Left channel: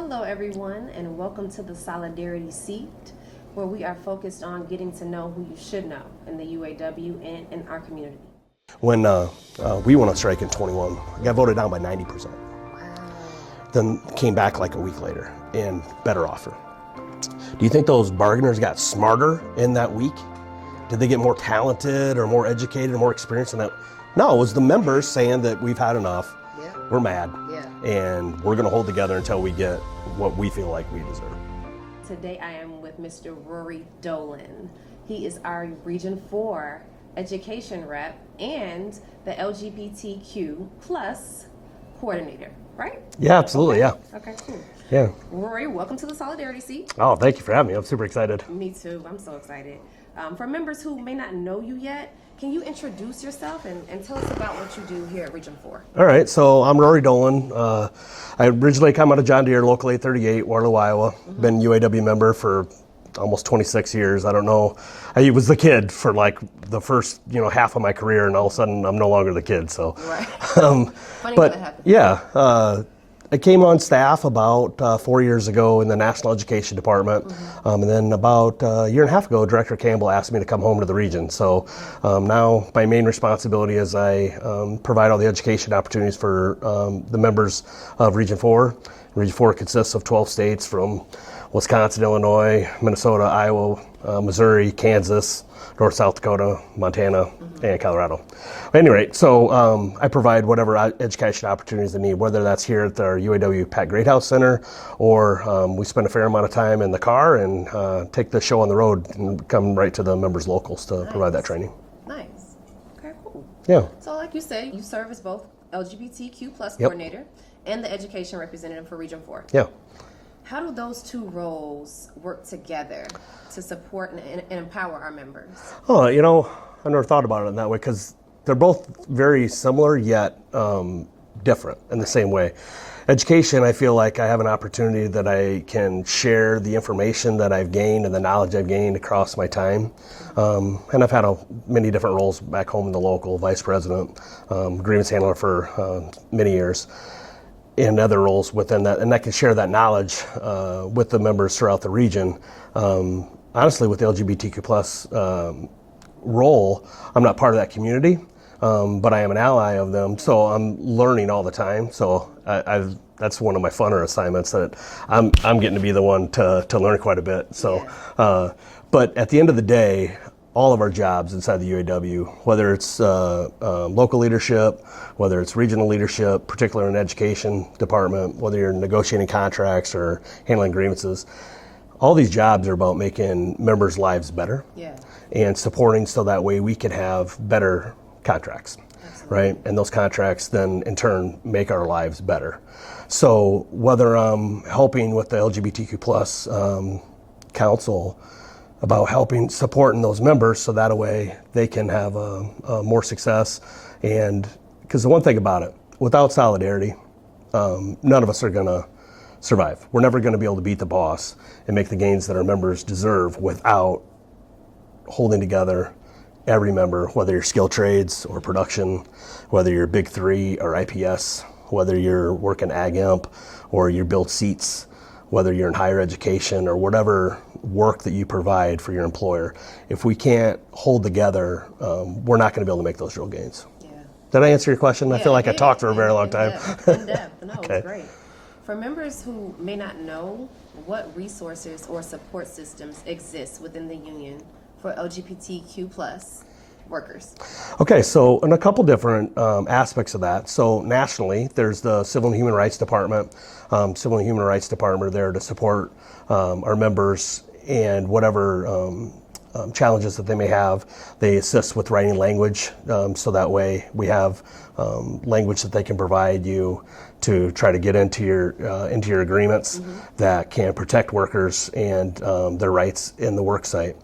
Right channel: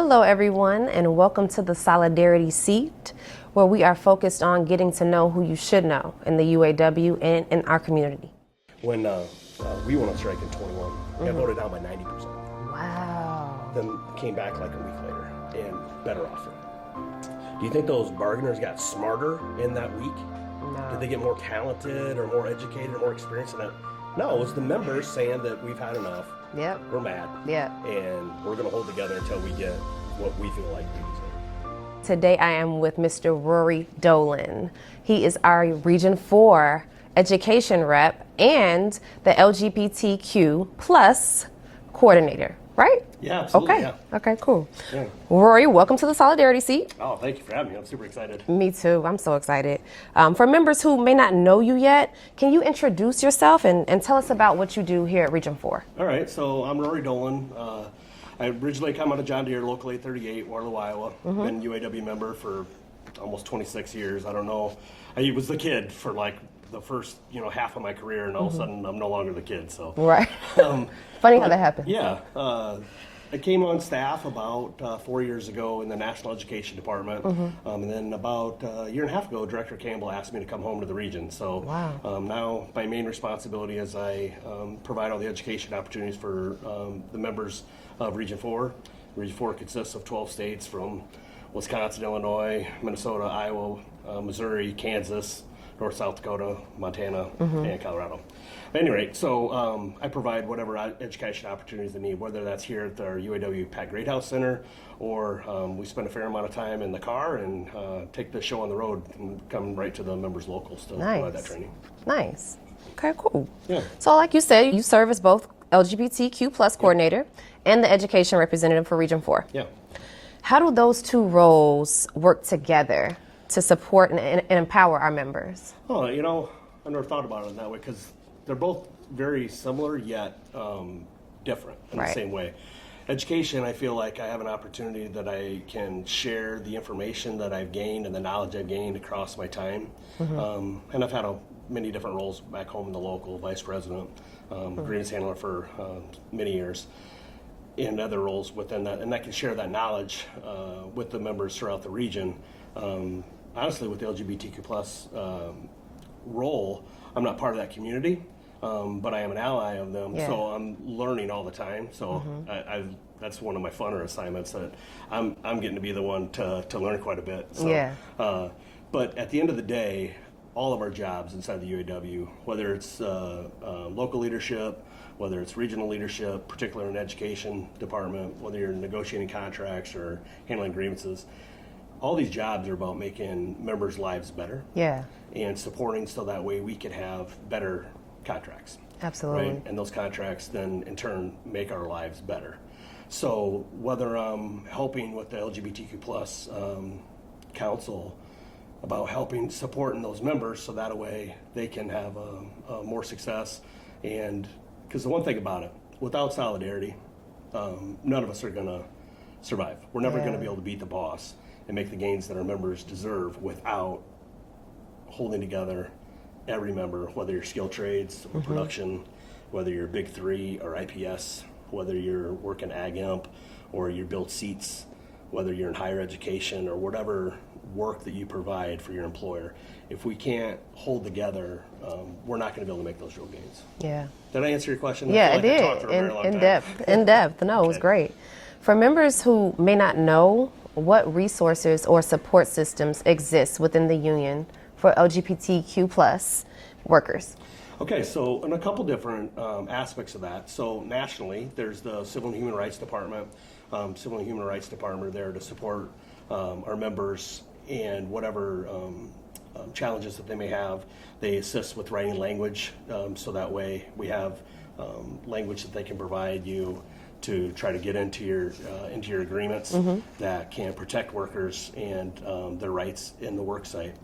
Hello everyone, and welcome to the Solidarity Seat, where we are focused on getting to know who you should know in the UAW and in our community. When we went on strike in 21, we got voted down by 90%. Wow. Then came back like a week later and better offer. Do you think those bargainers got smarter in that week? Did they get more talented or more educated or more experienced in that? No, it was the members saying that we've had enough. Yep. We're mad. Yeah. And we're going to hold together until we get what we feel like we deserve. Today I am with Mr. Rory Dolan. He is our Region 4 education rep and the LGBTQ plus coordinator, right? Yeah, absolutely, okay. yeah. Okay, cool. Yeah. Rory, welcome to the Solidarity Seat. Oh, thank you for having me. I'm super excited. Me too. I'm so excited. For members who may not know you yet, can you introduce yourself and tell us about what you do here at Region 4? All right, so I'm Rory Dolan. I originally come out of John Deere, Local 838, Waterloo, Iowa. Been a UAW member for almost 26 years. I don't know. I was the kid for like the first, half of my career, and all of a sudden I'm no longer the kid. So Right. Funny how that happened. Yeah. I came on staff about 4 years ago in the National Education Department. And then about a year and a half ago, Director Campbell asked me to come home to the region. So now my main responsibility is I provide all the education opportunities for the members of Region 4. Region 4 consists of 12 states from Wisconsin, Illinois, Minnesota, Iowa, Missouri, Kansas, North, South Dakota, Montana, and Colorado. At any rate, so I provide whatever education opportunities they need, whether that's here at our UAW Pat Greathouse Center, or we spend a fair amount of time in the car and take the show on the road and come right to the members' locals to provide that training. Nice. Okay, cool. Yeah. So like you said, you serve as both LGBTQ plus coordinator and the education representative for Region 4. Yeah. How do those two roles work together to support and empower our members? Oh, I never thought about it in that way because they're both very similar yet different in the same way. Education, I feel like I have an opportunity that I can share the information that I've gained and the knowledge I've gained across my time. And I've had many different roles back home in the local, vice president, grievance handler for many years, and other roles within that. And I can share that knowledge with the members throughout the region. Honestly, with the LGBTQ plus role, I'm not part of that community, but I am an ally of them, so I'm learning all the time. So that's one of my funner assignments, that I'm getting to be the one to learn quite a bit. So, but at the end of the day, all of our jobs inside the UAW, whether it's local leadership, whether it's regional leadership, particularly in the education department, whether you're negotiating contracts or handling grievances, all these jobs are about making members' lives better and supporting so that way we can have better contracts. Absolutely. Right? And those contracts then in turn make our lives better. So whether I'm helping with the LGBTQ plus council about supporting those members so that way they can have more success. And because the one thing about it, without solidarity, none of us are gonna survive. We're never gonna be able to beat the boss and make the gains that our members deserve without holding together every member, whether you're skilled trades or production, whether you're Big 3 or IPS, whether you're working Ag Imp or you build seats, whether you're in higher education or whatever work that you provide for your employer. If we can't hold together, we're not gonna be able to make those real gains. Yeah. Did I answer your question? I feel like I talked for a very long time. In depth. No, it was great. For members who may not know, what resources or support systems exist within the union for LGBTQ plus workers? Okay, so in a couple different aspects of that. So nationally, there's the Civil and Human Rights Department. Civil and Human Rights Department are there to support our members and whatever challenges that they may have. They assist with writing language, so that way we have language that they can provide you to try to get into your agreements that can protect workers and their rights in the work site.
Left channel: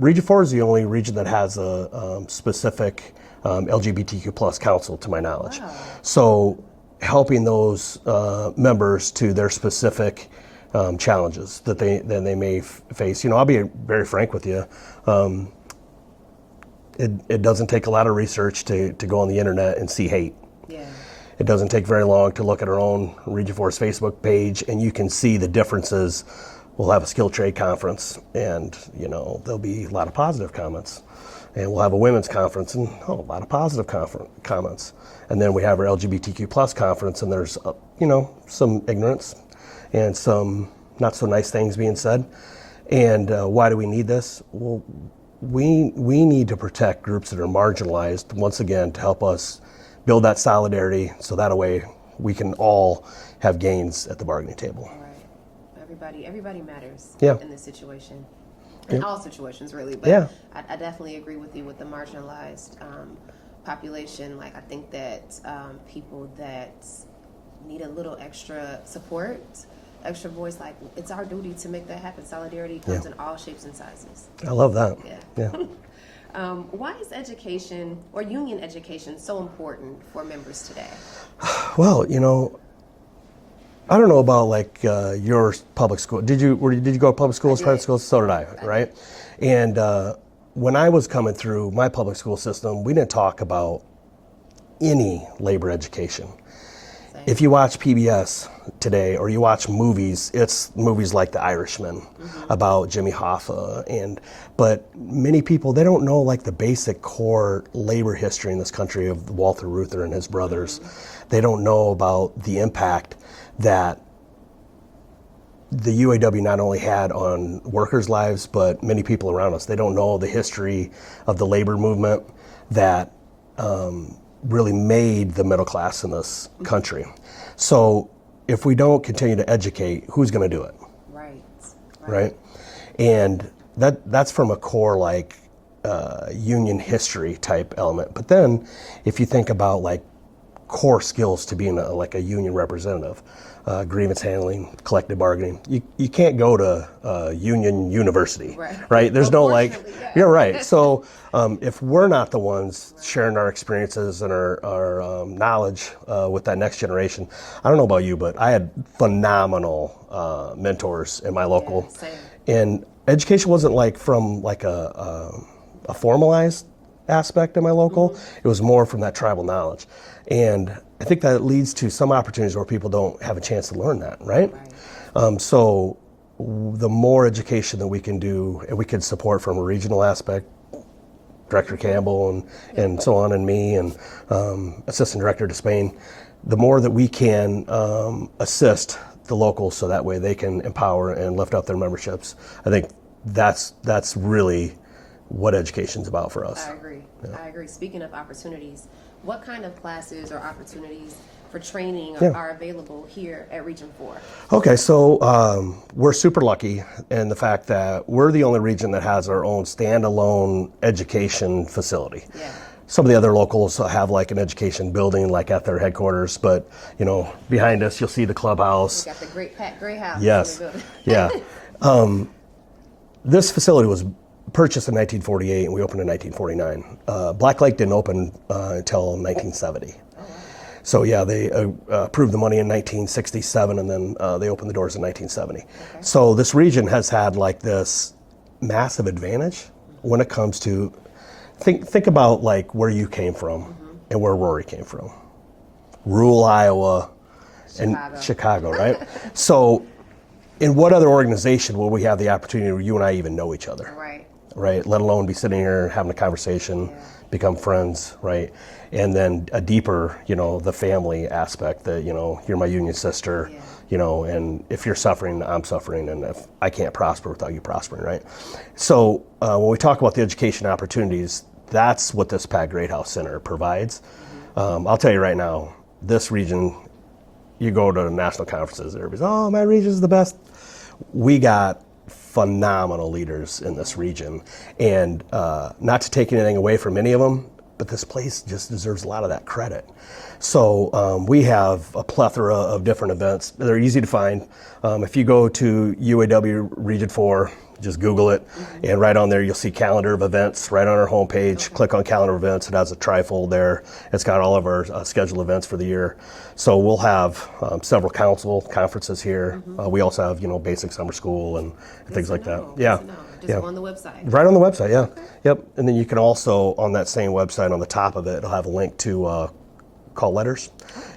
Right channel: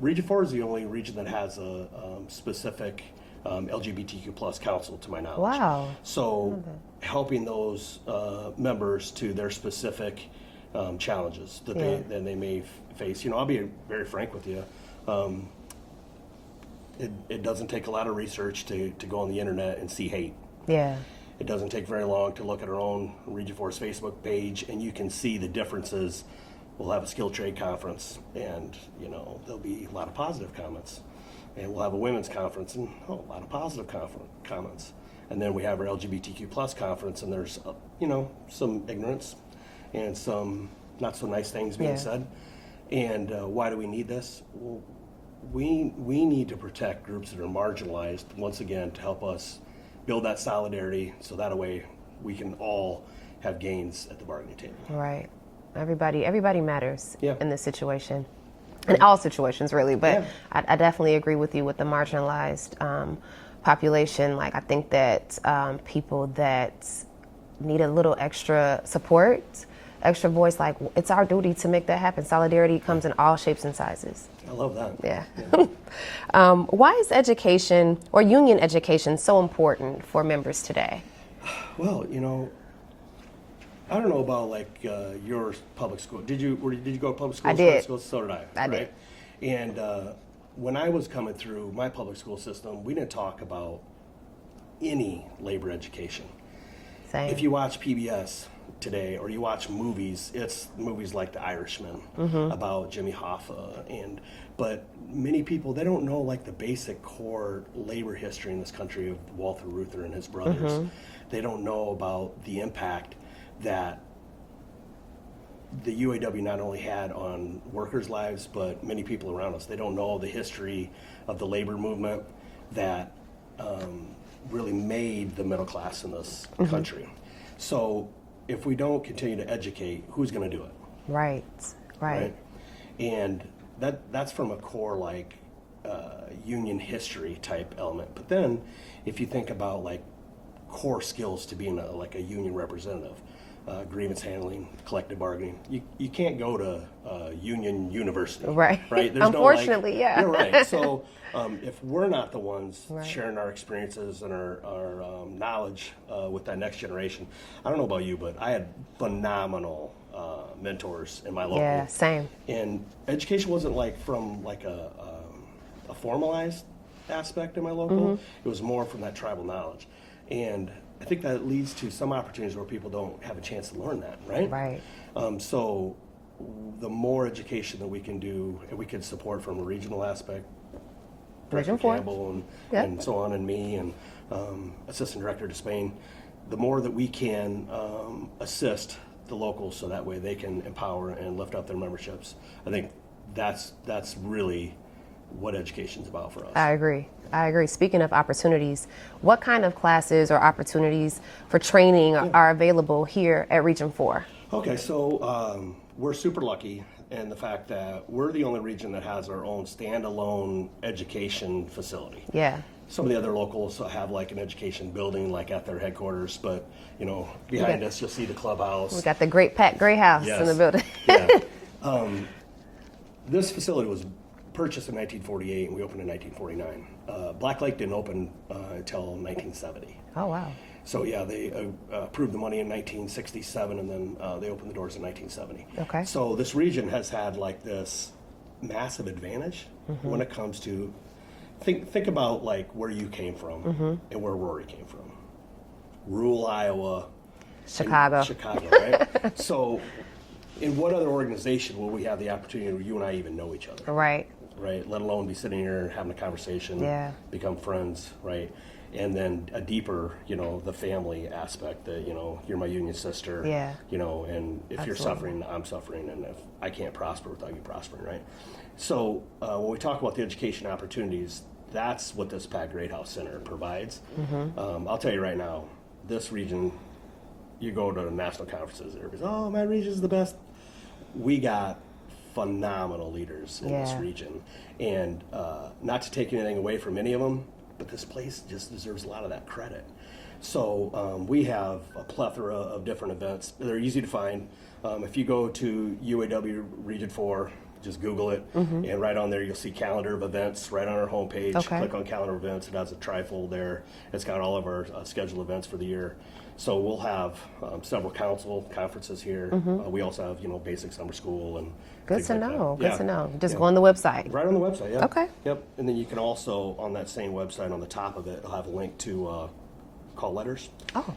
Region 4 is the only region that has a specific LGBTQ plus council, to my knowledge. Wow. So helping those members to their specific challenges that they may face. I'll be very frank with you. It doesn't take a lot of research to go on the internet and see hate. Yeah. it doesn't take very long to look at our own Region 4's Facebook page, and you can see the differences. We'll have a skilled trade conference, and there'll be a lot of positive comments. And we'll have a women's conference, and a lot of positive comments. And then we have our LGBTQ plus conference, and there's some ignorance and some not so nice things being said. And why do we need this? Well, we need to protect groups that are marginalized, once again, to help us build that solidarity, so that way we can all have gains at the bargaining table. Right. Everybody matters in this situation. In all situations, really. But I definitely agree with you with the marginalized population. Like, I think that people that need a little extra support, extra voice, like, it's our duty to make that happen. Solidarity comes in all shapes and sizes. I love that. Yeah. Why is education or union education so important for members today? Well, I don't know about like your public school. Did you go to public schools, private schools? So did I, right? Did. And when I was coming through my public school system, we didn't talk about any labor education. Same. If you watch PBS today or you watch movies, it's movies like The Irishman about Jimmy Hoffa, but many people, they don't know like the basic core labor history in this country of Walter Reuther and his brothers. They don't know about the impact that the UAW not only had on workers' lives, but many people around us. They don't know the history of the labor movement that really made the middle class in this country. So if we don't continue to educate, who's going to do it? Right. And that's from a core like union history type element. But then if you think about like core skills to being like a union representative, grievance handling, collective bargaining. You can't go to union university, right? There's no like, you're right. So if we're not the ones sharing our experiences and our knowledge with that next generation, I don't know about you, but I had phenomenal mentors in my local. Yeah, same. And education wasn't like from like a formalized aspect in my local. It was more from that tribal knowledge. And I think that leads to some opportunities where people don't have a chance to learn that, right? So the more education that we can do, and we can support from a regional aspect, Director Campbell and so on, and me, and Assistant Director Despain, the more that we can assist the locals so that way they can empower and lift up their memberships. I think that's really what education's about for us. I agree. Speaking of opportunities, what kind of classes or opportunities for training are available here at Region 4? Okay, so we're super lucky in the fact that we're the only region that has our own standalone education facility. Some of the other locals have like an education building like at their headquarters, but behind us you'll see the clubhouse. We got the Great Pat Gray House in the building. This facility was purchased in 1948 and we opened in 1949. Black Lake didn't open until 1970. Oh, wow. So they approved the money in 1967 and then they opened the doors in 1970. Okay. So this region has had like this massive advantage when it comes to, think about like where you came from and where Rory came from. Rural Iowa and Chicago, right? So in what other organization will we have the opportunity where you and I even know each other? Right. Let alone be sitting here having a conversation, become friends, right? And then a deeper, the family aspect that, you're my union sister, and if you're suffering, I'm suffering, and if I can't prosper without you prospering, right? So when we talk about the education opportunities, that's what this Pat Greathouse Center provides. I'll tell you right now, this region, you go to national conferences, everybody's, oh, my region's the best. We got phenomenal leaders in this region, and not to take anything away from any of them, but this place just deserves a lot of that credit. So we have a plethora of different events. They're easy to find. If you go to UAW Region 4, just Google it, and right on there you'll see calendar of events right on our homepage. Click on calendar events. It has a trifold there. It's got all of our scheduled events for the year. So we'll have several council conferences here. We also have basic summer school and things like that. Good to know. Just on the website. Right on the website. Yeah. Okay. Yep. And then you can also on that same website on the top of it, it'll have a link to call letters.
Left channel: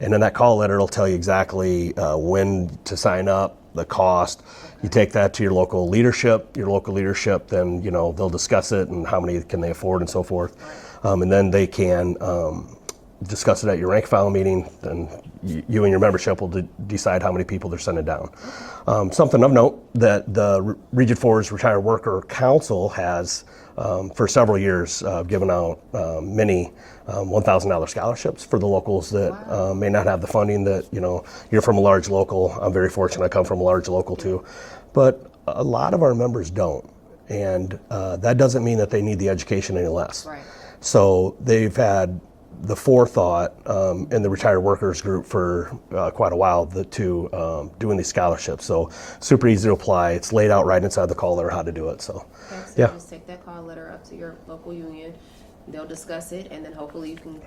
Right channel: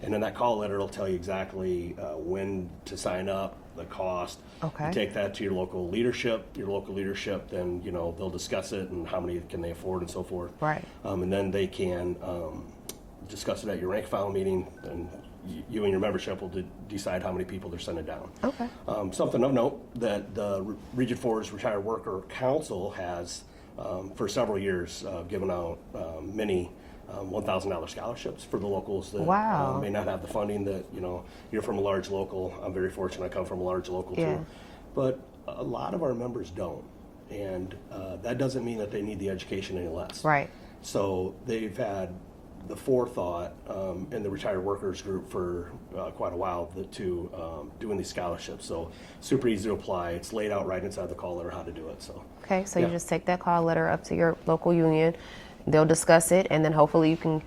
And in that call letter, it'll tell you exactly when to sign up, the cost. You take that to your local leadership. Your local leadership, then they'll discuss it and how many can they afford and so forth. Right. And then they can discuss it at your rank and file meeting, and you and your membership will decide how many people they're sending down. Something of note that the Region 4's Retired Worker Council has for several years given out many $1,000 scholarships for the locals that may not have the funding that, you're from a large local. I'm very fortunate I come from a large local too. But a lot of our members don't. And that doesn't mean that they need the education any less. Right. So they've had the forethought in the retired workers group for quite a while to doing these scholarships. So super easy to apply. It's laid out right inside the call letter how to do it. So you just take that call letter up to your local union. They'll discuss it, and then hopefully you can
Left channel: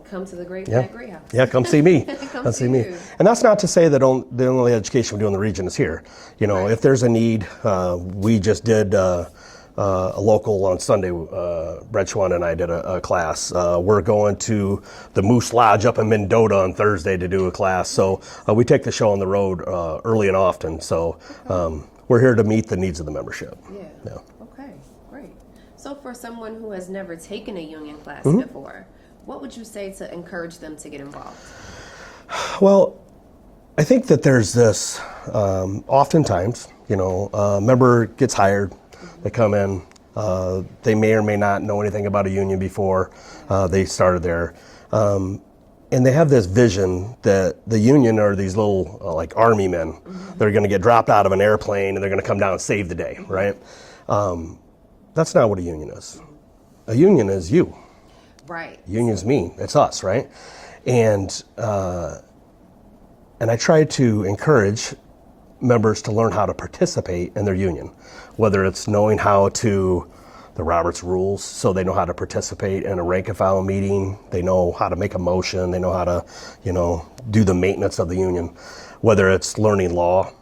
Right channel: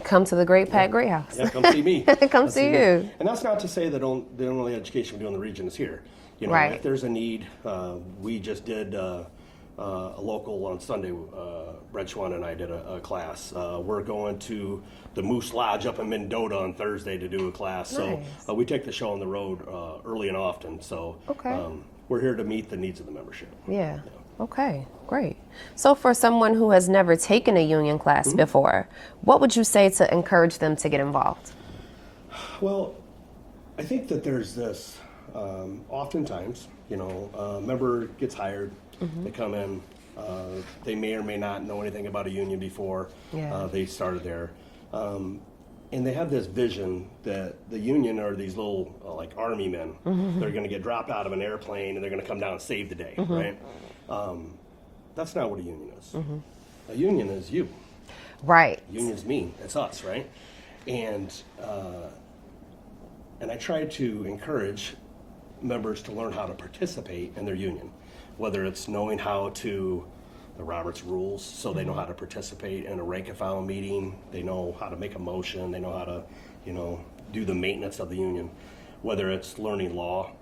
come to the Great Pat Gray House. Yeah, come see me. Come see you. And that's not to say that the only education we do in the region is here. If there's a need, we just did a local on Sunday. Brett Schwann and I did a class. We're going to the Moose Lodge up in Mendota on Thursday to do a class. So we take the show on the road early and often. So we're here to meet the needs of the membership. Yeah. Okay, great. So for someone who has never taken a union class before, what would you say to encourage them to get involved? Well, I think that there's this, oftentimes, a member gets hired, they come in, they may or may not know anything about a union before they started there. And they have this vision that the union are these little like army men. They're going to get dropped out of an airplane and they're going to come down and save the day, right? That's not what a union is. A union is you. Right. Union's me. It's us, right? And I try to encourage members to learn how to participate in their union, whether it's knowing how to the Roberts rules, so they know how to participate in a rank and file meeting, they know how to make a motion, they know how to, do the maintenance of the union, whether it's learning law.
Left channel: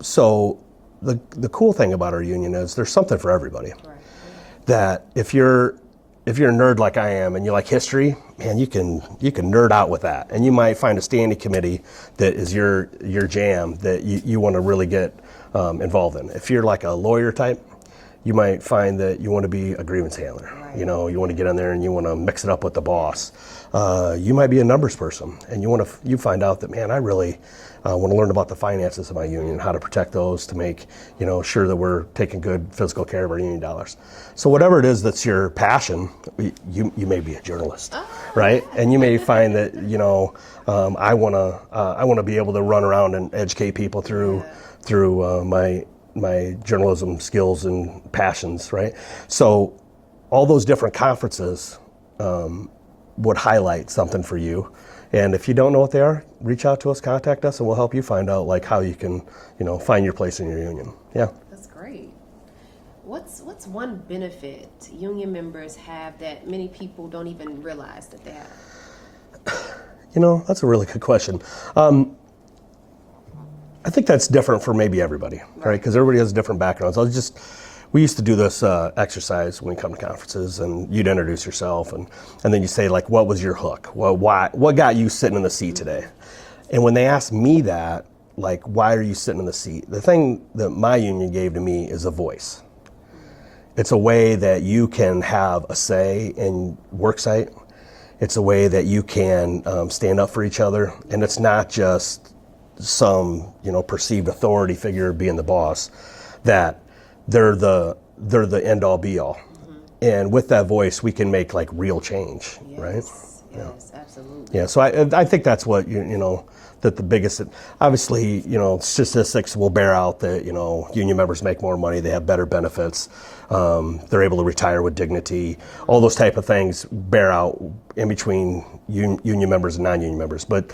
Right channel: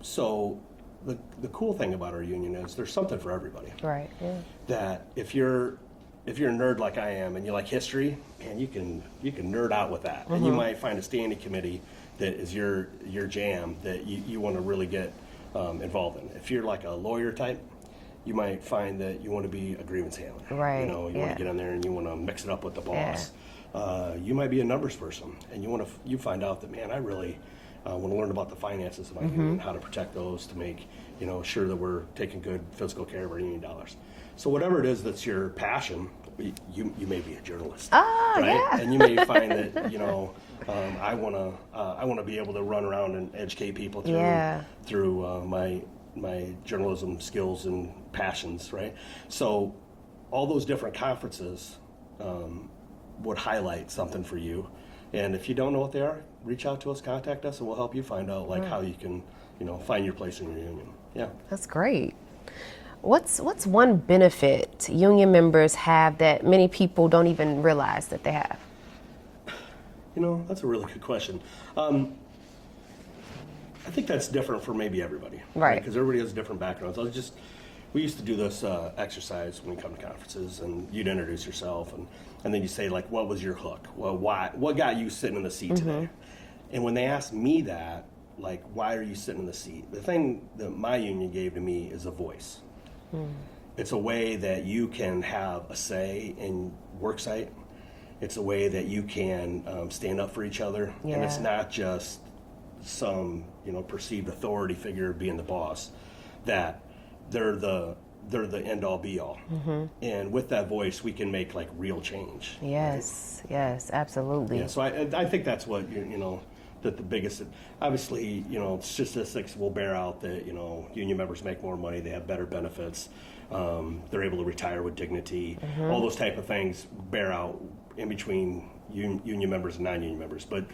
So the cool thing about our union is there's something for everybody. Right. Yeah. That if you're a nerd like I am and you like history, man, you can nerd out with that. And you might find a standing committee that is your jam that you want to really get involved in. If you're like a lawyer type, you might find that you want to be a grievance handler. Right. You want to get in there and you want to mix it up with the boss. You might be a numbers person and you find out that, man, I really want to learn about the finances of my union, how to protect those to make sure that we're taking good physical care of our union dollars. So whatever it is that's your passion, you may be a journalist, right? Yeah. And you may find that I want to be able to run around and educate people through my journalism skills and passions, right? So all those different conferences would highlight something for you. And if you don't know what they are, reach out to us, contact us, and we'll help you find out how you can, find your place in your union. Yeah. That's great. What's one benefit union members have that many people don't even realize that they have? That's a really good question. I think that's different for maybe everybody, right? Because everybody has different backgrounds. We used to do this exercise when we come to conferences, and you'd introduce yourself, and then you say, like, what was your hook? What got you sitting in the seat today? And when they asked me that, like, why are you sitting in the seat? The thing that my union gave to me is a voice. It's a way that you can have a say in worksite. It's a way that you can stand up for each other, and it's not just some perceived authority figure being the boss. That they're the end all be all, and with that voice we can make like real change. Yes, right? Yes, absolutely. Yeah, so I think that's what that the biggest, obviously statistics will bear out that union members make more money, they have better benefits, they're able to retire with dignity, all those type of things bear out in between union members and non-union members, but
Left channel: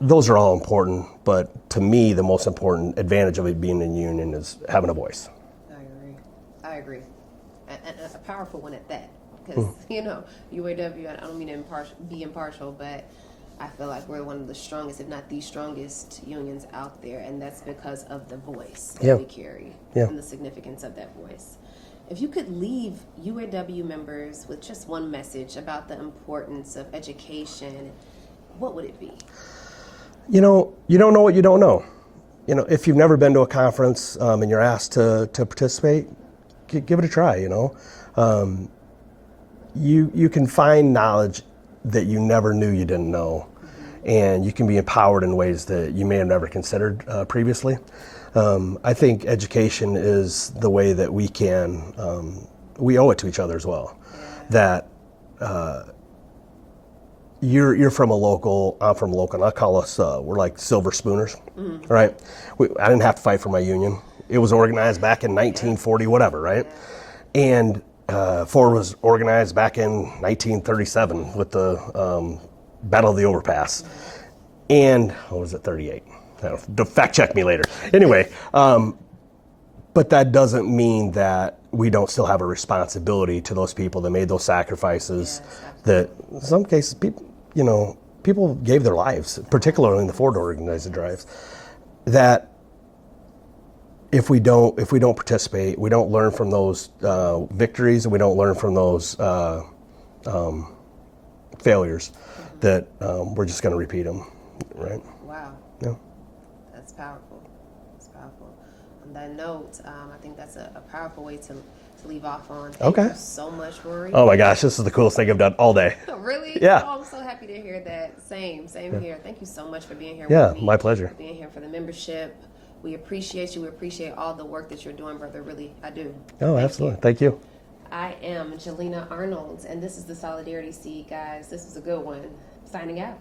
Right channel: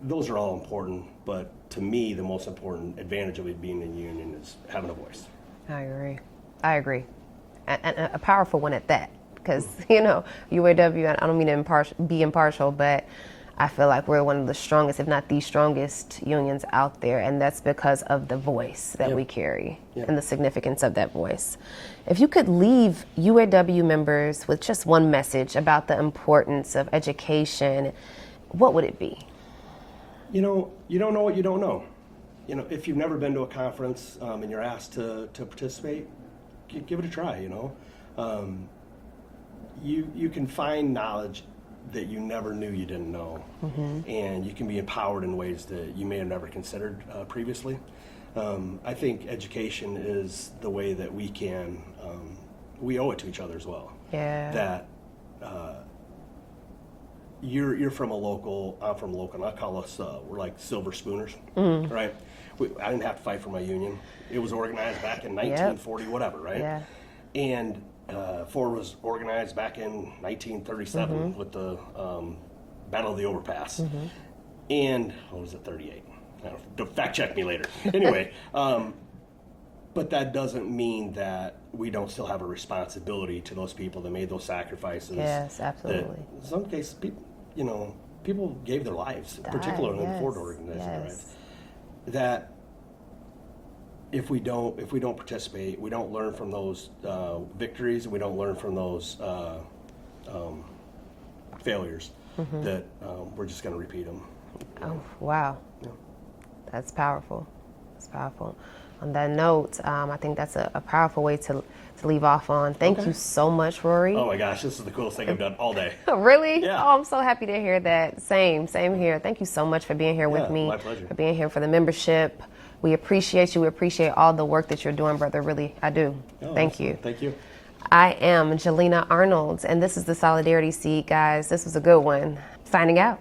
those are all important, but to me, the most important advantage of it being in a union is having a voice. I agree. And a powerful one at that, because, UAW, I don't mean to be impartial, but I feel like we're one of the strongest, if not the strongest unions out there, and that's because of the voice that we carry and the significance of that voice. If you could leave UAW members with just one message about the importance of education, what would it be? You know, you don't know what you don't know. You know, if you've never been to a conference and you're asked to participate, give it a try, you know. You can find knowledge that you never knew you didn't know, and you can be empowered in ways that you may have never considered previously. I think education is the way that we can, we owe it to each other as well. Yeah. That you're from a local, I'm from a local, and I call us, we're like silver spooners, right? I didn't have to fight for my union. It was organized back in 1940, whatever, right? Yeah. And Ford was organized back in 1937 with the Battle of the Overpass. And, what was it, 38? Fact check me later. Anyway, but that doesn't mean that we don't still have a responsibility to those people that made those sacrifices. Yes, absolutely. That in some cases, people gave their lives, particularly in the Ford organized drives. That if we don't participate, we don't learn from those victories, and we don't learn from those failures, that we're just going to repeat them. Right? Wow. Yeah. That's powerful. That's powerful. On that note, I think that's a powerful way to leave off on. Thank you so much, Rory. Oh my gosh, this is the coolest thing I've done all day. Really? Yeah. Oh, I'm so happy to hear that. Same here. Thank you so much for being here with me. Yeah, my pleasure. For being here for the membership. We appreciate you. We appreciate all the work that you're doing, brother. Really, I do. Oh, Thank absolutely. you. Thank you. I am Jalena Arnold, and this is the Solidarity Seat, guys. This was a good one. Signing out.